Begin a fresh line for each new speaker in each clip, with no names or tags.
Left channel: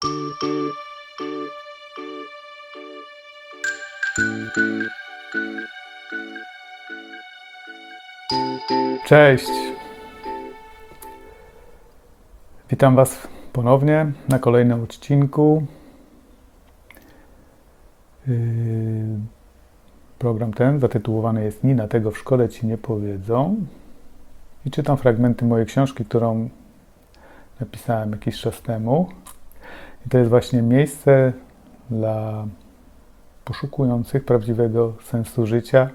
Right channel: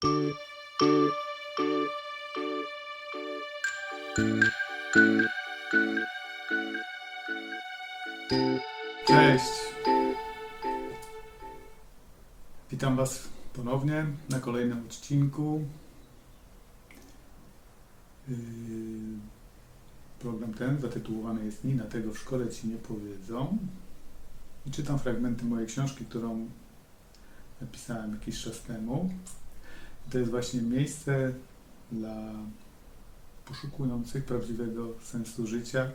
Cześć. Witam Was ponownie na kolejnym odcinku. Yy, Program ten zatytułowany jest Nina tego w szkole Ci nie powiedzą. I czytam fragmenty mojej książki, którą napisałem jakiś czas temu. To jest właśnie miejsce dla poszukujących prawdziwego sensu życia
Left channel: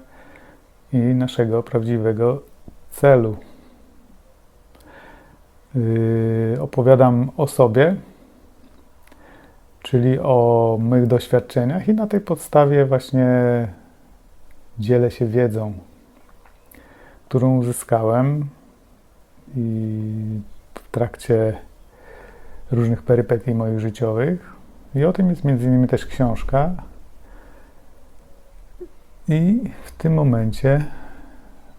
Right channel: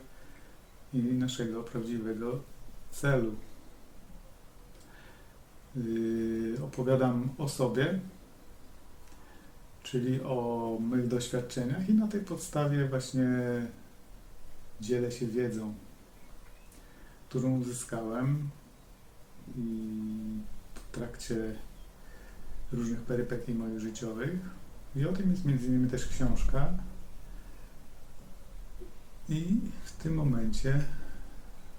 i naszego prawdziwego celu. Yy, opowiadam o sobie, czyli o mych doświadczeniach, i na tej podstawie właśnie dzielę się wiedzą, którą uzyskałem i w trakcie różnych perypetii moich życiowych. I o tym jest między innymi też książka. I w tym momencie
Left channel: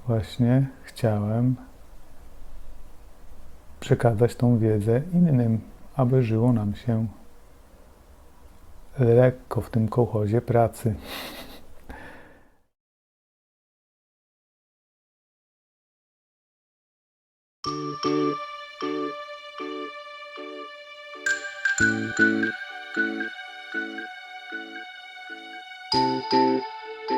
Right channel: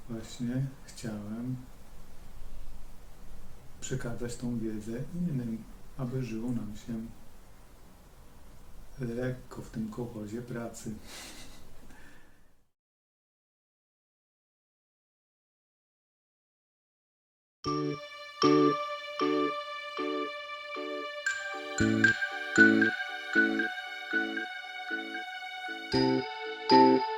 właśnie chciałem przekazać tą wiedzę innym, aby żyło nam się lekko w tym kołchozie pracy. Thank you.